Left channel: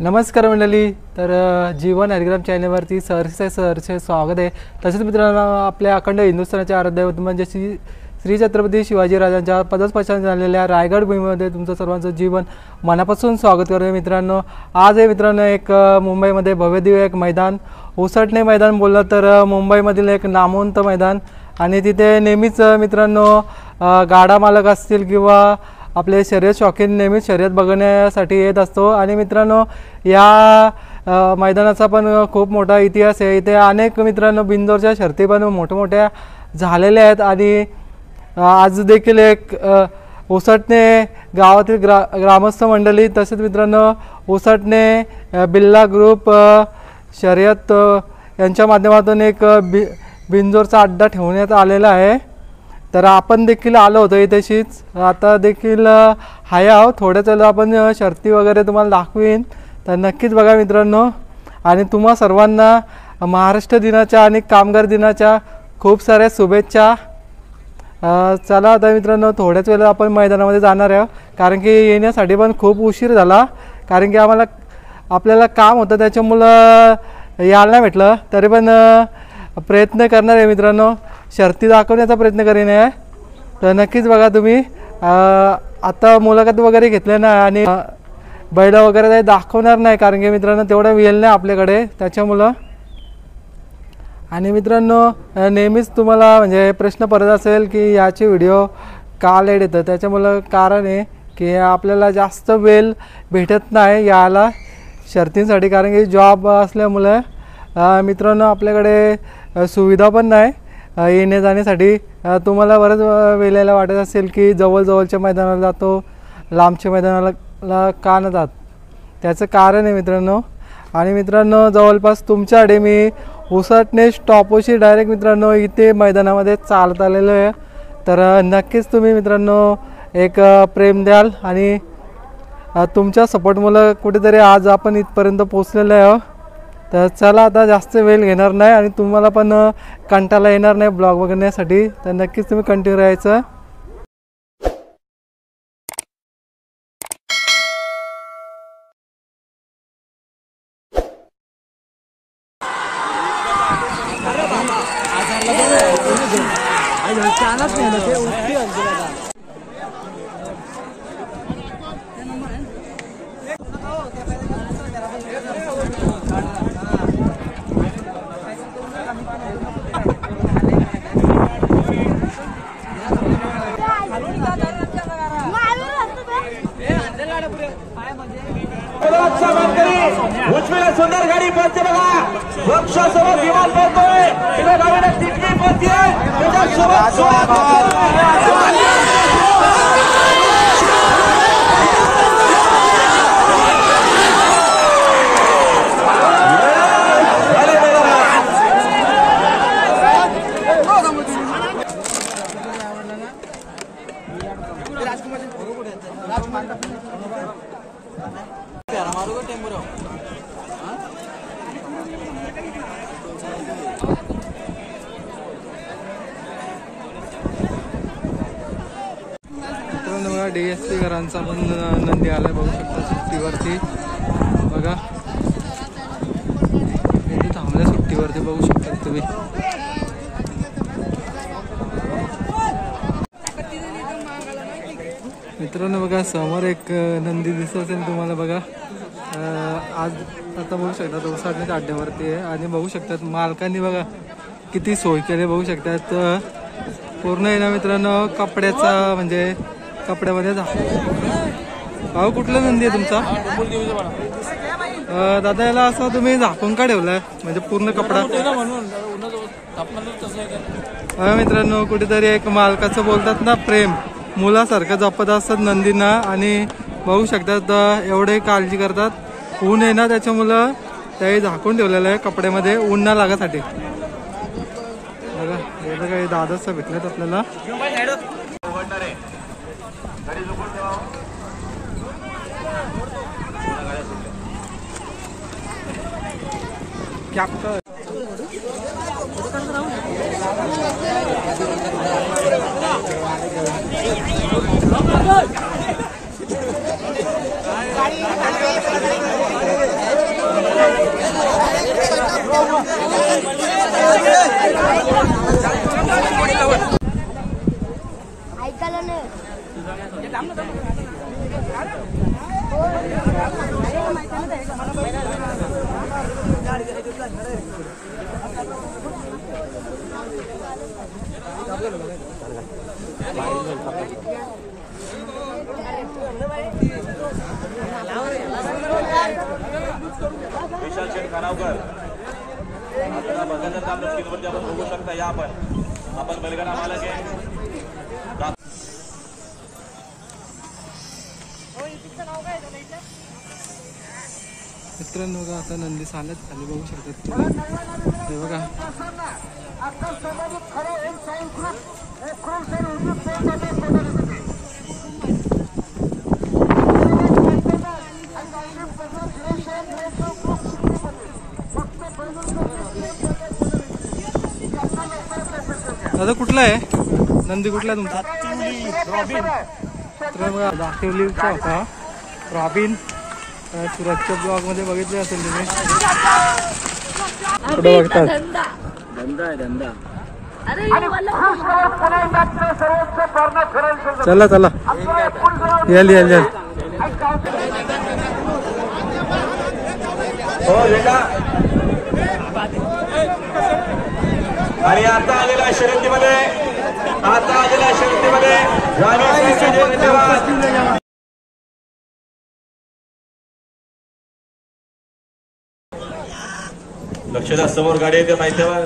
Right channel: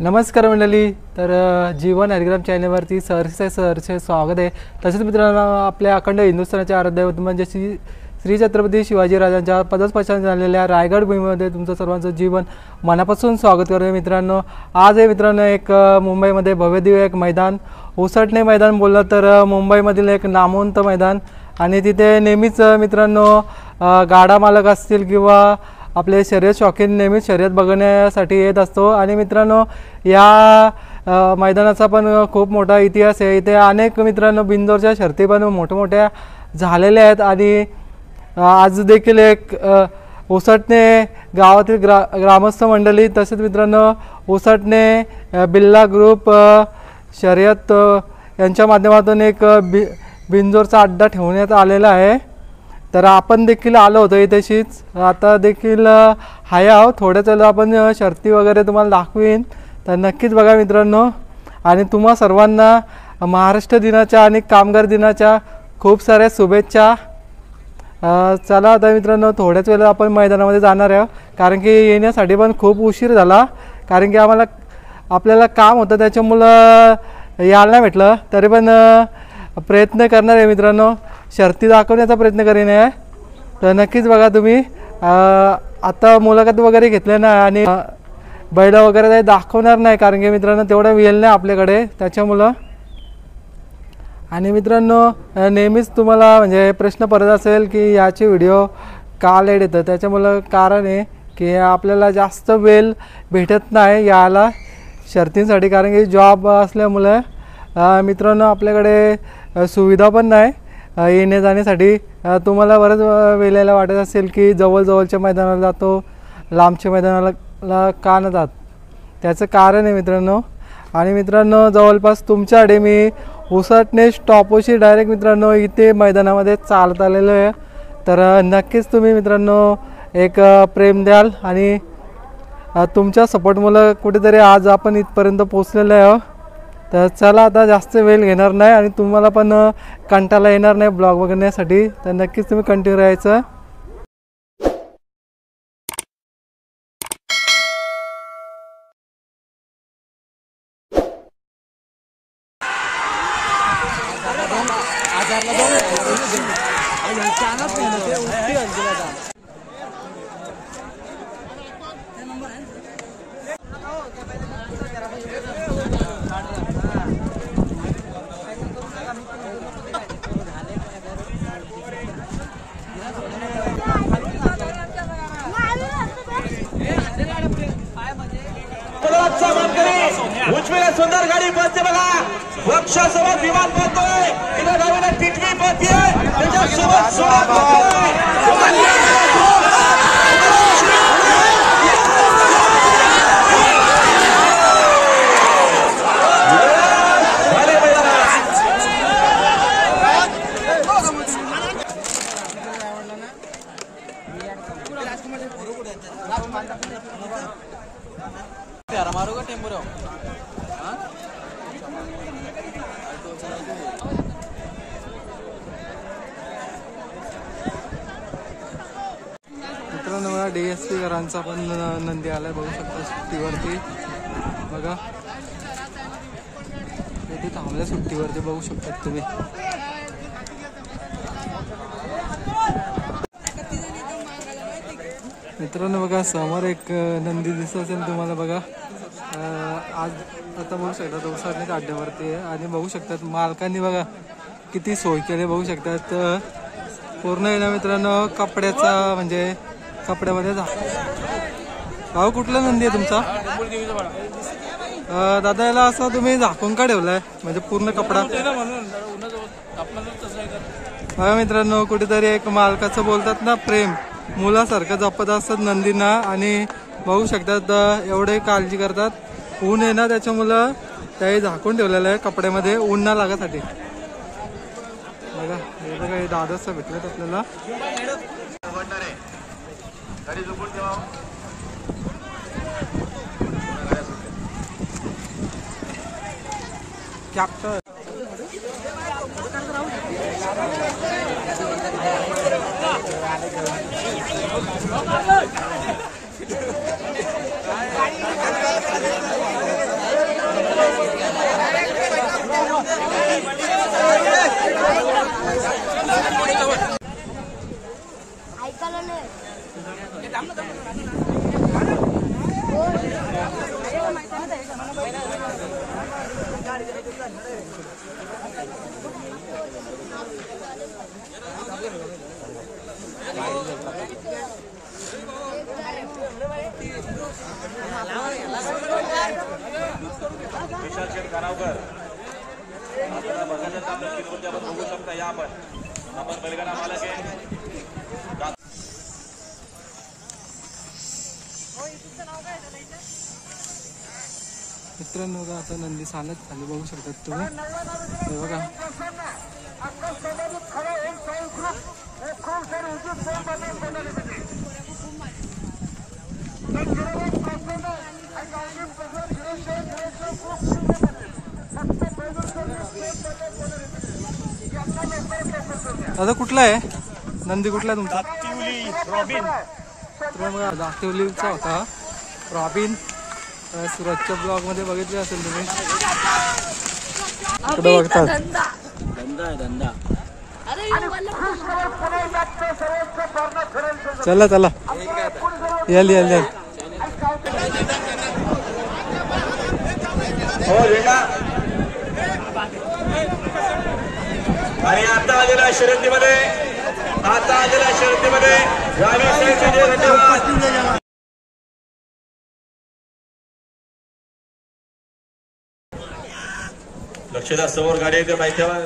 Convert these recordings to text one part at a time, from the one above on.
नमस्कार मंडळी. तर जीवन ॲग्राम चॅनलवरती सरसे स्वागत आहे. तसेच मित्रांनो, आपल्या अखंड हिंदुस्थानाचे आराध्य म्हणजे श्री छत्रपती शिवाजी राजांच्या पदस्पर्शाने झालेल्या रायगड भूमीमध्ये तुमचं सर्वांचं जीवन मनापासून स्वागत करतो. मित्रांनो, आज आहे मित्रांनो एक मुंबईमध्ये भव्यदिव्य एक मैदान, उसटणे मैदान बोललं तर मुंबईमधील एक नामवंत मैदान. आणि तिथे नेहमीच मित्रांनो गाडा मालक असतील किंवा आपले शर्यत शौकीन नेहमीच शर्यत बघण्यासाठी येत असतो. आणि मित्रांनो, या मैदानाचा पण खूप मोठा इतिहास आहे. इथे अनेक मित्रांनो बिंदोरच्या शर्ती पण मोठमोठ्या झालेल्या आहेत. आणि आज देखील एक उसटणे गावातील ग्रामस्थ मंडळी, तसेच मित्रांनो उसटणे बिल्ला ग्रुप शर्यत यांच्या माध्यमातून एक बिंजोरचा अड्डा ठेवण्यात आलेला आहे. तर आपण देखील आलो होतो इथेशीच, आता देखील हाय आहो. थोड्याच वेळेला आपण शर्ती वगैरे तुम्हाला दाखवीन, तर नक्कीच बघा मित्रांनो. आणि तुम्हा सर्वांना महाराष्ट्र दिनाच्या आणि कामगार दिनाच्या खूप साऱ्या शुभेच्छा. चला आता मित्रांनो, थोड्याच वेळेला आपण मैदानामध्ये जाणार आहे, कारण की येण्यासाठी पण खूप उशीर झाला, कारण की आपल्याला काम होतं त्याच्यामुळं यायला नाही भेटलं. तरी पण प्रयत्न करणार आहे मित्रांनो, शर्ती दाखवण्याचा प्रयत्न करीन आहे. तर नक्कीच बघा तुम्ही. आता मुलाखत वगैरे घेतले ना, आणि बैल वगैरे काही दाखवणार नाही, कारण की मित्रांनो तेवढा वेळ नाही आपल्याकडे त्याच्यामुळं. आणि मित्रांनो, नेहमीच तुम्हाला म्हणजे प्रश्न पडत असेल की याचे व्हिडिओ का लेट येतं, त्याच्यामुळं कारण आहे की आपल्याला जास्त वेळ भेटत नाही यायला शर्तींसाठी, कारण की जॉब असल्यामुळे मित्रांनो आपल्याकडे सुविधा पण नाही येणे जाण्यासाठी. तुम्हाला बरंच वेळेला वाटत असेल की जवळजवळच्या मैदानाला जातो, लांबच्या मैदानाला का न जात, त्याचं कारण आहे मित्रांनो. आणि मित्रांनो, जवळपास तुमच्याकडे मी उसटणे स्टॉपशी डायरेक्ट मित्रांनो इथे मैदानामध्ये चालत आलेलो आहे. तर नक्कीच तुम्ही मित्रांनो एक प्रेम द्याल, आणि तुमच्या सपोर्टमुळे कुठेतरी आज आपण इथपर्यंत पोचलेलो आहे. तर चला, आता जास्त वेळ घेणार नाही आणि तुम्हाला पण कंटाळा येणार नाही ब्लॉग बघण्यासाठी, तर नक्कीच तुम्ही कंटिन्यू राहायचं. सुंदर गाडी पळते बघा, वृक्षासोबत विमान पळतोय, तिथे गाडीने टिटवी पळते, त्याच्यासोबत मित्रांनो बघा, DSP घरांचा पण नंदी आलाय, बघू शकता सुट्टीवरती. बघा इथे थांबल्या सुट्टीवरती, बघू शकता तुम्ही. मित्रांनो बघा, समोर एक नंदी दिसत असेल तुम्हाला. बघा आज आता बघू शकतात उसटण्याच्या अड्ड्यावरती आहे, आणि बघू शकतात मालकांनी बघा किती सोय केली, बघू शकतात. पूर्ण आहे ना मित्रांनो कपड्याचा, म्हणजे कपड्यामध्ये भाऊ. कुठला नंदी आहे तुमचा दादा? याला असं तुम्ही झाकून का ठेवलाय, म्हणजे पूर्ण कपडा? हा मित्रांनो, कुठेतरी एक मालकाचं बोलतात ना प्रेम, मुलासारखं जपत असतात नंदींना. आणि बघू शकतात एवढे काळजी करतात. ऊन आहे ना त्याच्यामुळं त्याही झाकून ठेवलेलं आहे कपड्यामध्ये, ऊन ना लागासाठी. बघा हे बघा, हे दादाच भेटलेत आपल्याला. कॅप्टन आपण बघू शकता या आपण गडगडा आला की मित्रांनो बघा आता नंदी चालत खाली बघू शकतात तुम्ही हे बघा दादा कुठला आहे नंदी कुठला आहे तुमचा रॉबिन तर बघा दाखवलीचा होता रॉबिन सुरतच्या ब्लॉग मध्ये बघितले असेल तुम्ही कुठं बघतात धंदा आहे धंदा चला चला येल येल येल हो वेगा आणि आता आलेल्या शर्यतीमध्ये धन्यवाद लक्षात समोर गाडी येते माहितीवर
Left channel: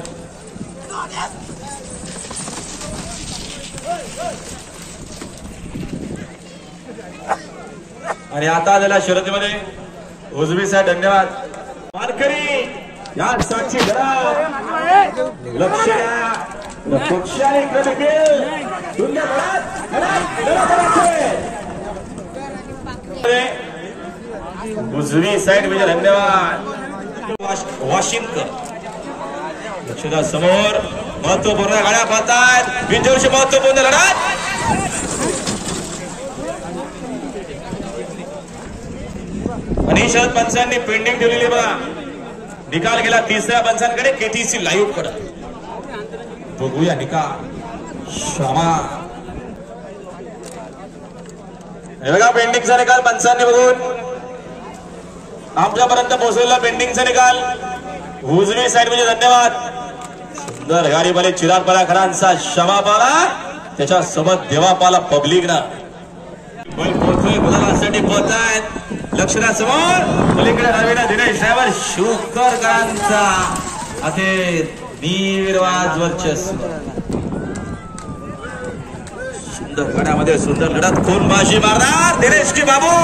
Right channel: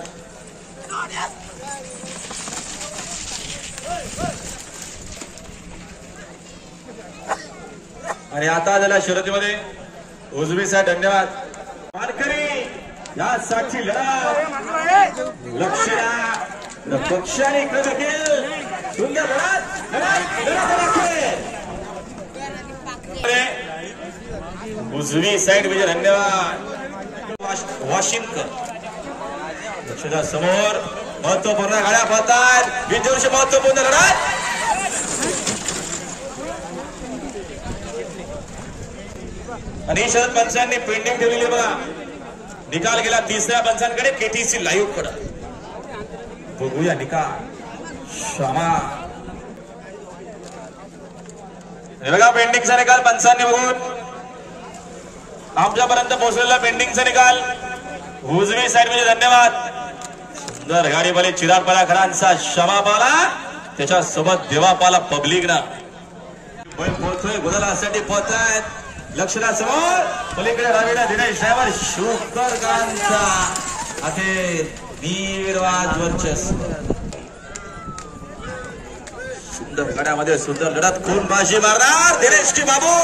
आणि आता आलेल्या शर्यतीमध्ये उजवी साईड धन्यवाद वारकरी या साक्षी लक्ष पक्षाने कमी केल सुंदर उजवी साईड म्हणजे धन्यवाद वॉशिंग्टन लक्षात समोर महत्वपूर्ण गाड्या पाहतात बिंजोरची महत्वपूर्ण लढत आणि शरद पंचांनी पेंडिंग ठेवलेली बघा निकाल गेला तिसऱ्या पंचांकडे केटीसी लाईव्ह कडे बघूया निकाल क्षमा बघा पेंडिंगचा निकाल पंचांनी बघून आमच्यापर्यंत पोहोचलेला पेंडिंगचा निकाल उजवी साईड म्हणजे धन्यवाद सुंदर गाडी बरे चिराग पराखरांचा क्षमा पाला त्याच्यासोबत देवा पाला पब्लिक ना पोहोचतोय गुजरातसाठी पोहोचतायत लक्षणासमोर पलीकडे रवीना दिनेश ड्रायव्हर शुकरकरांचा अखेर निर्वाद वर्चस्व सुंदर गाड्यामध्ये सुंदर लढत कोण बाजी मारणार दिनेशची बाबू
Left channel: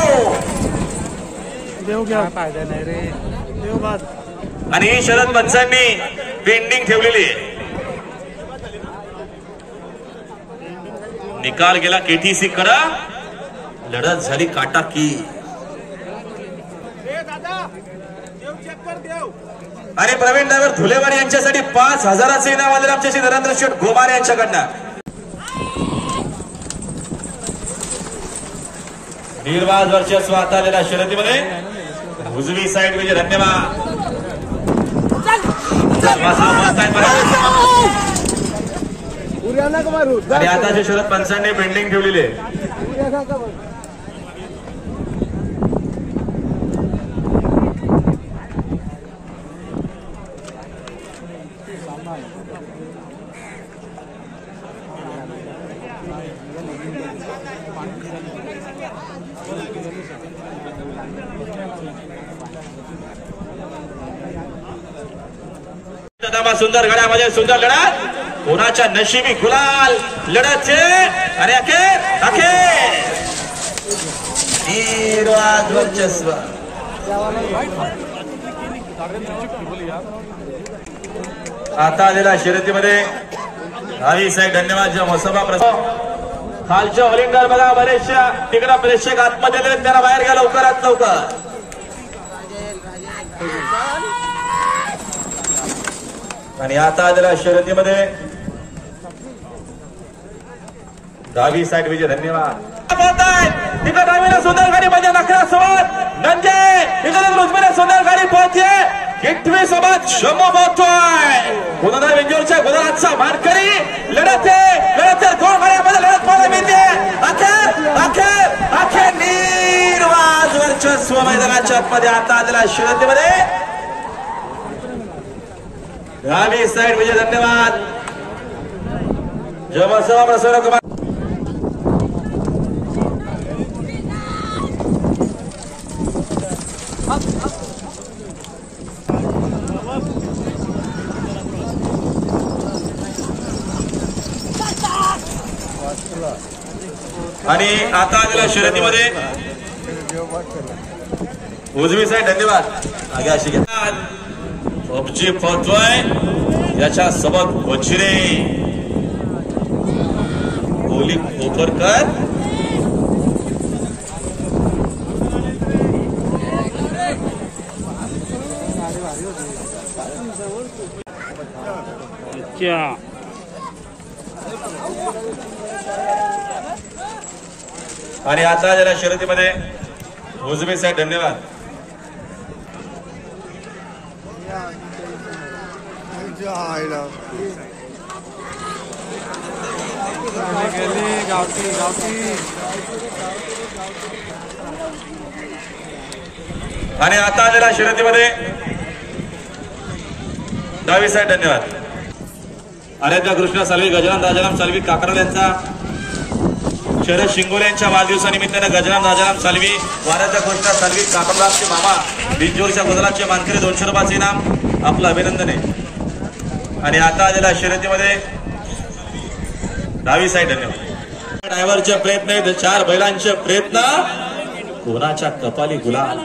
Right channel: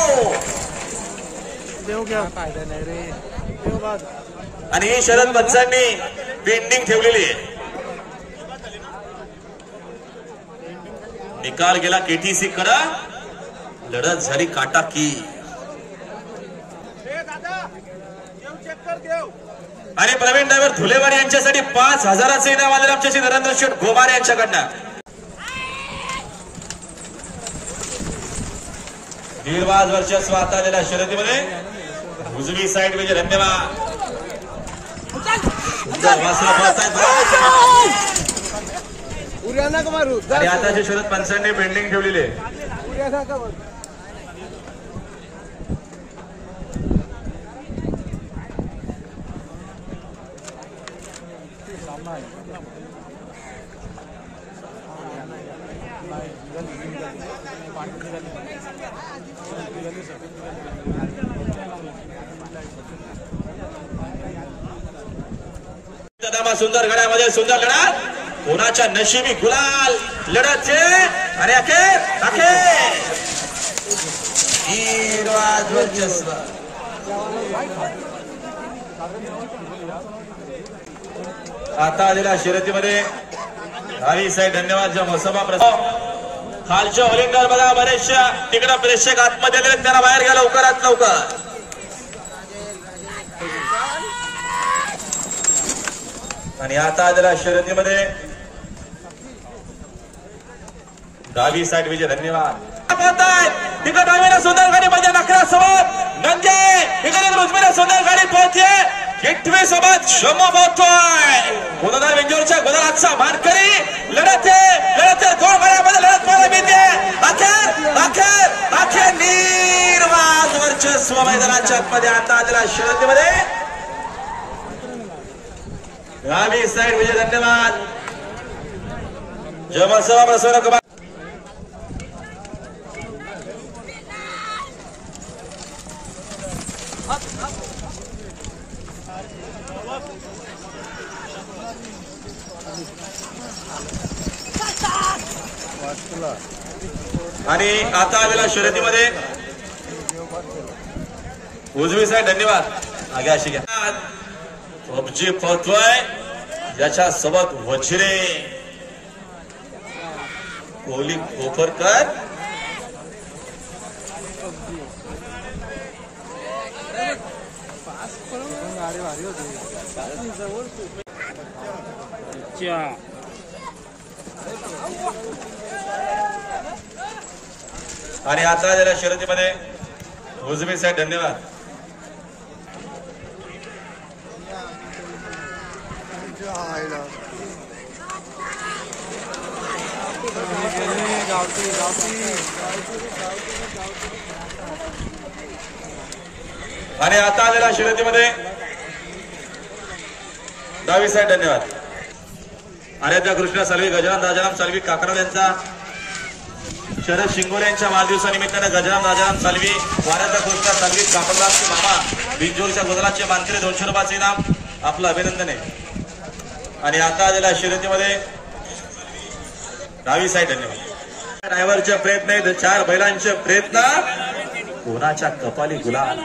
फायदा नाही रे आणि शरद पंचांनी पेंडिंग ठेवलेली निकाल गेला केटीसी कडे लढत झाली काटा की आणि प्रवीण ड्रायव्हर धुलेवाडी यांच्यासाठी 5,000चे इनाम आलेले आमच्याशी नरेंद्र शेठ गोमारे यांच्याकडनं निर्वाद वर्चस्व आता आलेल्या शर्यतीमध्ये उजवी साईड म्हणजे धन्यवाद आणि आताच्या शरद पंचांनी पेंडिंग ठेवलेली आहे सुंदर गडामध्ये सुंदर लढत कोणाच्या नशिबी गुलाल लढत आणि निर्वाद वर्चस्व आता आलेल्या शर्यतीमध्ये दहावी साईड धन्यवाद ज्या मसोबा खालच्या होलिंगर बघा बरेचशा तिकडे प्रेक्षक आतमध्ये गेले त्यांना बाहेर घ्या लवकरात लवकर आणि आता आलेल्या शर्यतीमध्ये दहावी साईड विजय धन्यवाद तिकडे सुंदर गाडी म्हणजे नखरा समोर नंजे इकडे रुजमेला सुंदर गाडी पोहोचते किटवे सोबत शमा पोहोचतोय पुन्हा वेंजोरच्या गुजरातचा मारकरी लढते दोन गाड्यामध्ये लढत पाहायला मिळते अखेर निर्वाद वर्चस्व मैदानाच्या मध्ये आता आलेल्या शर्यतीमध्ये दहावी साईड विजय धन्यवाद जयमसवा प्रसन्न कुमार आणि आता आलेल्या शर्यतीमध्ये उजवी साईड धन्यवाद पबजी पळतोय याच्या सोबत वचिरे कोहली खोपरकर आणि आता जरा शर्यतीमध्ये उजवी साईड धन्यवाद आणि आता आलेल्या शर्यतीमध्ये डावी साईड धन्यवाद आर्यता कृष्ण सालवी गजानन राजाराम सालवी काकडा यांचा शरद शिंगोले यांच्या वाढदिवसानिमित्तानं गजानन राजाराम सालवी आर्यता कृष्ण सालवी काकडरामचे मामा बिंजोरच्या गुजरातचे मानकरी 200 रुपयाचे इनाम आपलं अभिनंदन आहे आणि आता आलेल्या शर्यतीमध्ये डावी साईड धन्यवाद ड्रायव्हरचे प्रयत्न आहेत 4 बैलांचे प्रयत्न कोणाच्या कपाली गुलाल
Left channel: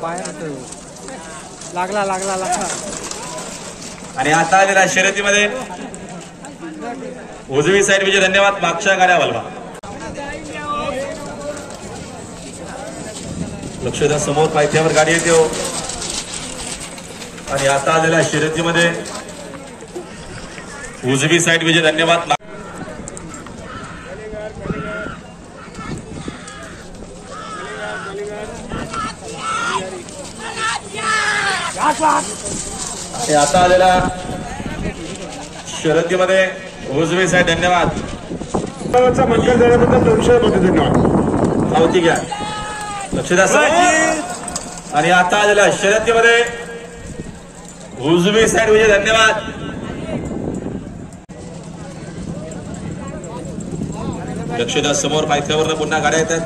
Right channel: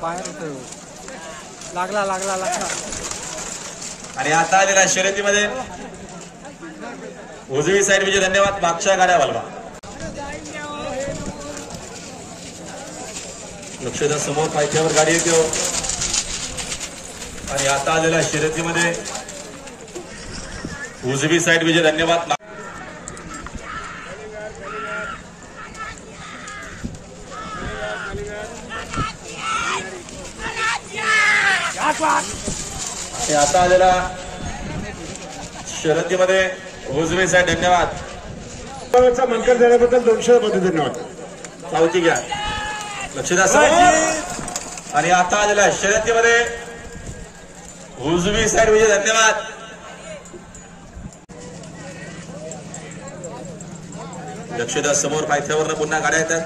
बाहेर लागला लागला लागला आणि आता आलेल्या शर्यतीमध्ये उजवी साईड विजय धन्यवाद मागच्या गाड्या वलवा लक्षदा समोर पायथ्यावर गाडी येते हो आणि आता आलेल्या शर्यतीमध्ये उजवी साईड विजय धन्यवाद आता आलेल्या शर्यतीमध्ये उजवी साईड धन्यवाद मंजूर झाल्याबद्दल 200 रुपये पावती घ्या लक्षदा आणि आता आलेल्या शर्यतीमध्ये उजवी साईड विजय धन्यवाद लक्षदा समोर पायथ्यावर पुन्हा गाड्या येतात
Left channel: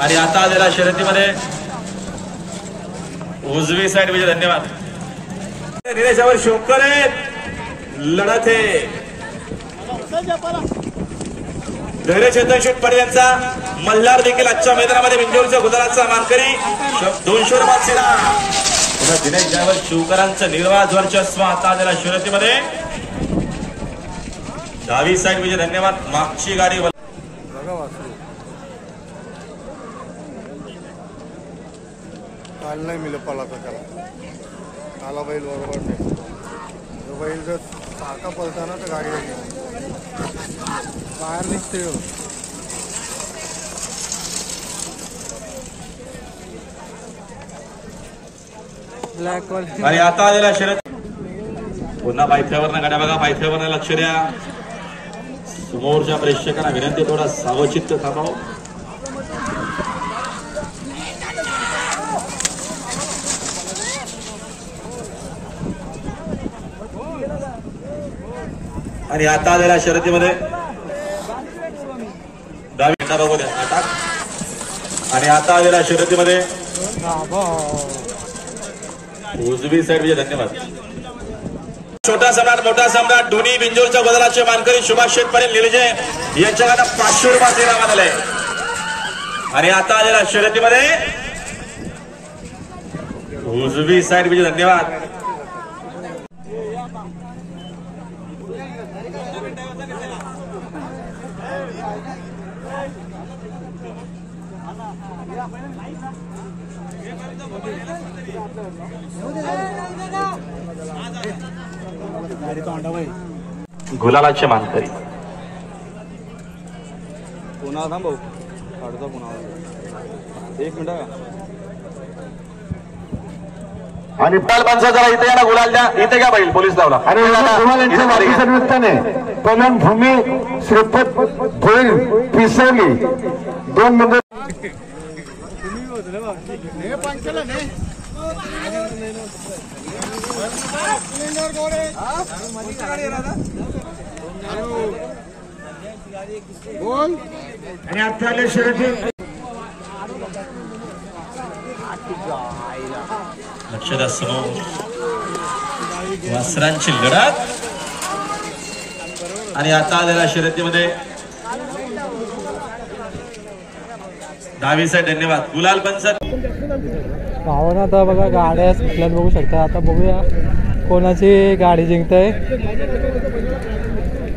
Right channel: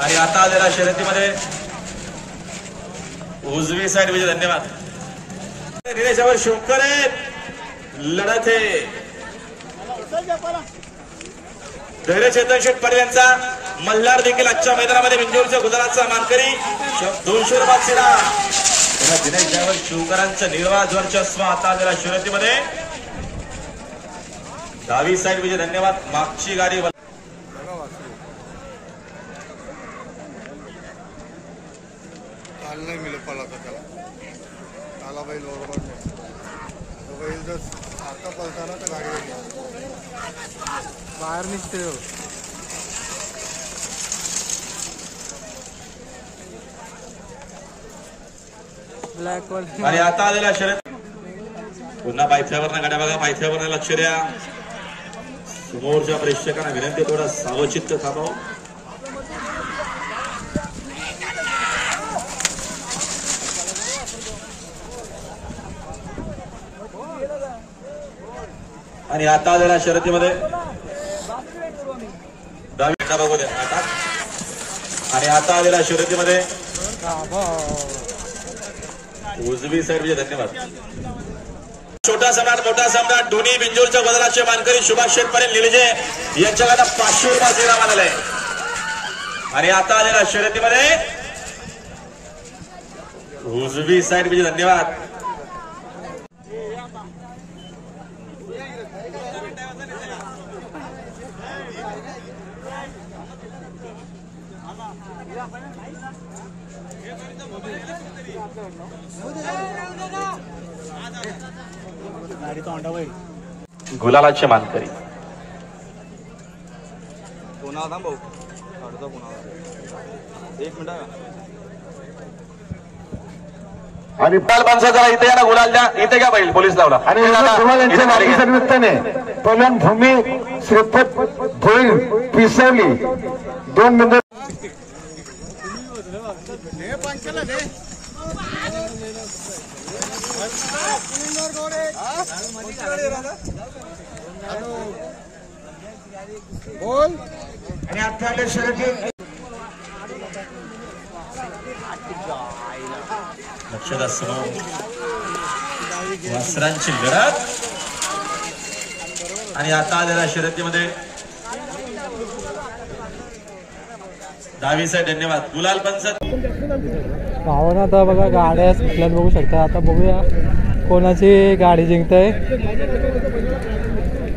आणि आता आलेल्या शर्यतीमध्ये उजवी साईड विजय धन्यवाद निलेशावर शोकर लढत आहे धैर्य चेतन शेठ पटेल यांचा मल्हार देखील आजच्या मैदानामध्ये बिंजोरच्या गुजरातचा मानकरी 200 रुपयाचा दिनेश ड्रायव्हर शिवकरांचं निर्वाज वर्चस्व आता आलेल्या शर्यतीमध्ये डावी साईड विजय धन्यवाद मागची गाडी नाही मिळत पाला त्याला आला बैल बरोबर नाही तो बैल जर सारखा पळताना तर गाडी बाहेर निघते ब्लॅक आणि आता आलेला शर्यत पुन्हा पायथ्यावरनं गाड्या बघा पायथ्यावरनं लक्ष द्या समोरच्या प्रेक्षकांना विनंती थोडा सावचित्त थांबाव आणि आता आलेल्या शर्यतीमध्ये डावी बघू द्या अटॅक आणि आता आलेल्या शर्यतीमध्ये उजवी साईड विजय धन्यवाद छोटा सम्राट मोठा सम्राट दोन्ही बिंजोरच्या बदलाचे मानकरी सुभाष शेठ पटेल निलजे यांच्याकडे 500 रुपये इनाम आलेले आणि आता आलेल्या शर्यतीमध्ये उजवी साईड विजय धन्यवाद गुलालाचे मानकरी पुन्हा थांब भाऊ काढतो पुन्हा 1 मिनिट आणि पाल माणसा जरा इथे या ना गुलाल द्या इथे घ्या बैल पोलीस लावला आणि यांच्या वाढदिवसा निमित्ताने पवन भूमी श्रीपत धोईल पिसवली 2 नंबर आणि 48 शर्यती समोर वासरांची लढत आणि आता आलेल्या शर्यतीमध्ये डावीचा धन्यवाद गुलाल पंचत भावना. आता बघा गाड्या सुटल्यात बघू शकता. आता बघूया कोणाची गाडी जिंकताय.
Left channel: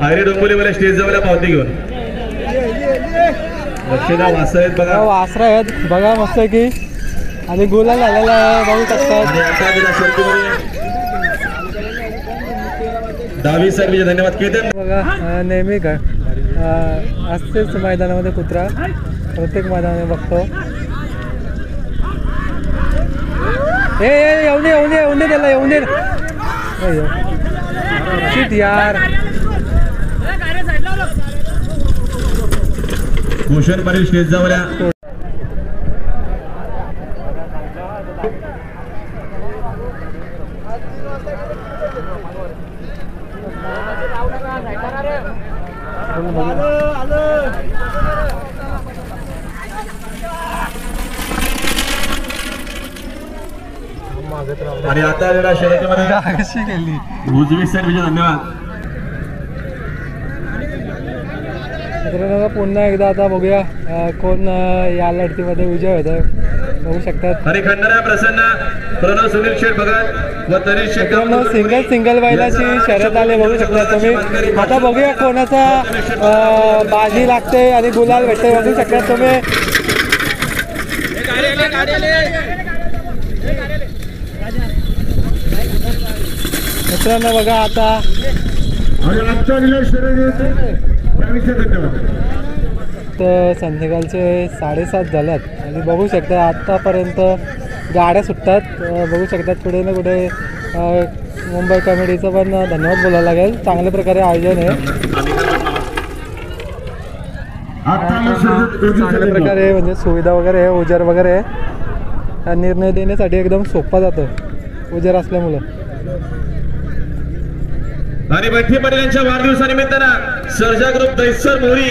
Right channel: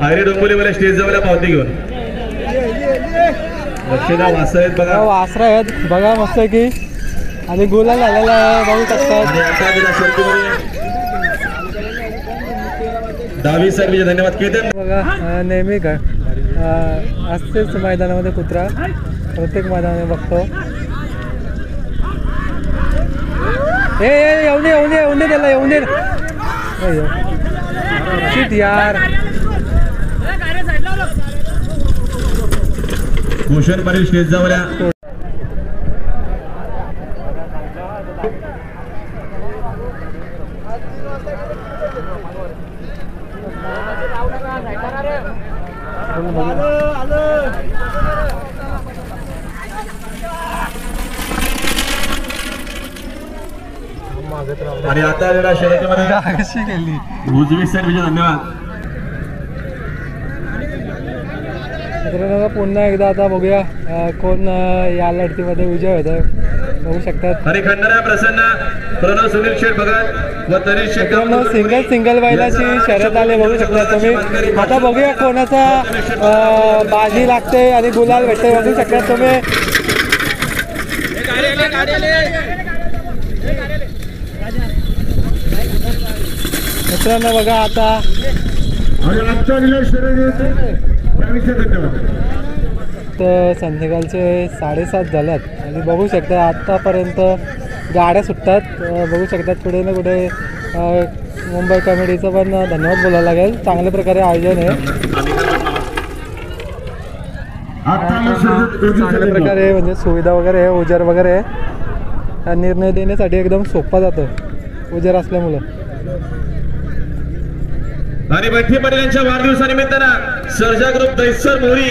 आयरे डोंबिवलीवाल्या स्टेज जवळ पावती घेऊन लक्षदा वासर आहेत बघा. वासरा आहेत बघा मस्त की आणि गुलाल झालेला आहे बघू शकतात. आणि आता गेल्या शर्यतीमध्ये डावी सर्विस धन्यवाद केतन बघा नेहमी का असतेच मैदानामध्ये कुत्रा प्रत्येक मैदानामध्ये बघतो. ए येऊन दे येऊन दे येऊन दे त्याला येऊन दे शिट यार. भूषण पाटील स्टेज जवळ आणि आता आलेल्या शर्यतीमध्ये कशी गेली उजवी सर्विस धन्यवाद. मित्रांनो पुन्हा एकदा आता बघूया कोण या लढतीमध्ये विजय होत आहे बघू शकतात. हरी खंडारा प्रसन्न प्रणव सुनील शेठ भगत व तनिष शेठ सिंगल बैलाची शर्यत आली बघू शकता तुम्ही. आता बघूया कोणाचा बाजी लागते आणि गुलाल भेटते बघू शकता तुम्ही. मित्रांनो बघा आता तर संध्याकाळचे 7:30 झाल्यात आणि बघू शकता आत्तापर्यंत गाड्या सुटतात बघू शकतात. कुठे ना कुठे मुंबई कमिटीचं पण धन्यवाद बोलायला लागेल. चांगल्या प्रकारे आयोजन आहे चांगल्या प्रकारे म्हणजे सुविधा वगैरे आहे उजेर वगैरे आहे. निर्णय देण्यासाठी एकदम सोपा जातो उजेर असल्यामुळं. आणि बंटी पाटील यांच्या वाढदिवसानिमित्तानं सर्जा ग्रुप दैसर मोरी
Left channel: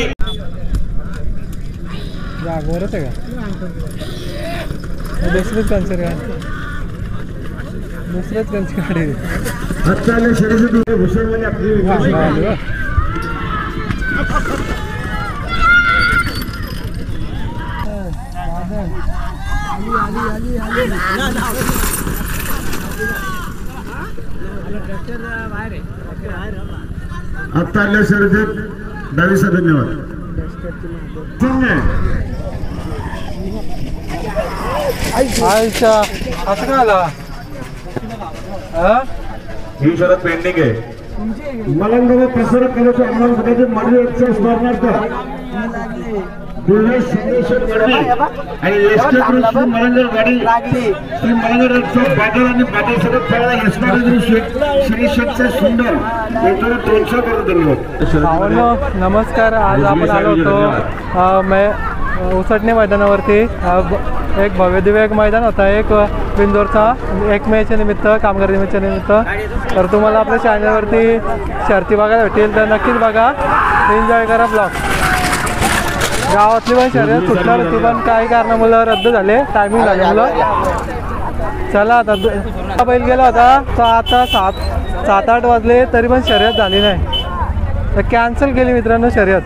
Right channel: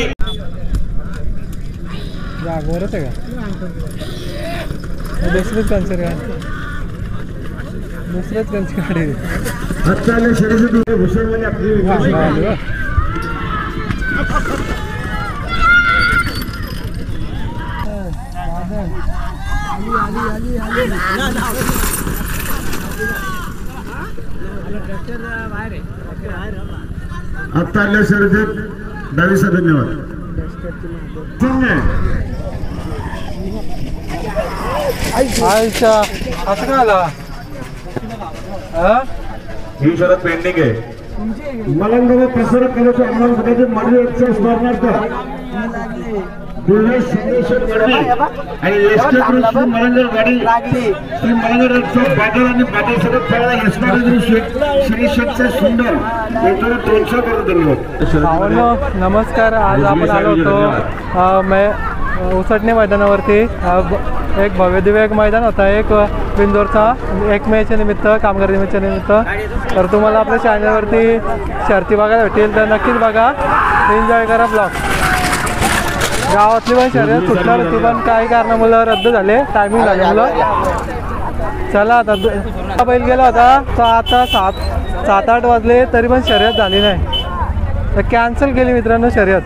जागवरच आहे का दुसरंच कन्सर का दुसरंच कन्सर आता आल्या शर्यतीत डावीचा धन्यवाद. अच्छा असं का आला ही शरद पेंडिंग आहे. मलंग प्रसारक केल्याचे आम्हाला सगळ्याचे माझे स्मरणार्थ आणि मलंगर गाडी श्री मलंगर बादल आणि बादल सगळं श्री शेठचा सुंदर 200 करोड धन्यवाद. नमस्कार. आज आपण आलो होतो उसटणे मैदानावरती. एक भव्यदिव्य एक मैदान होता एक बिंदोरचा 1 मेच्या निमित्त कामगार दिनाच्या निमित्त. तर तुम्हाला आपल्या चॅनलवरती शर्ती बघायला भेटेल तर नक्कीच बघा एन्जॉय करा ब्लॉग. गावातली पण शर्यत सुटणार होती पण काही कारणामुळे रद्द झाले टायमिंग झाल्यामुळं. चला आता बैल गेला होता तर आता 7-8 वाजले तरी पण शर्यत झाली नाही तर कॅन्सल केली मित्रांनो शर्यत.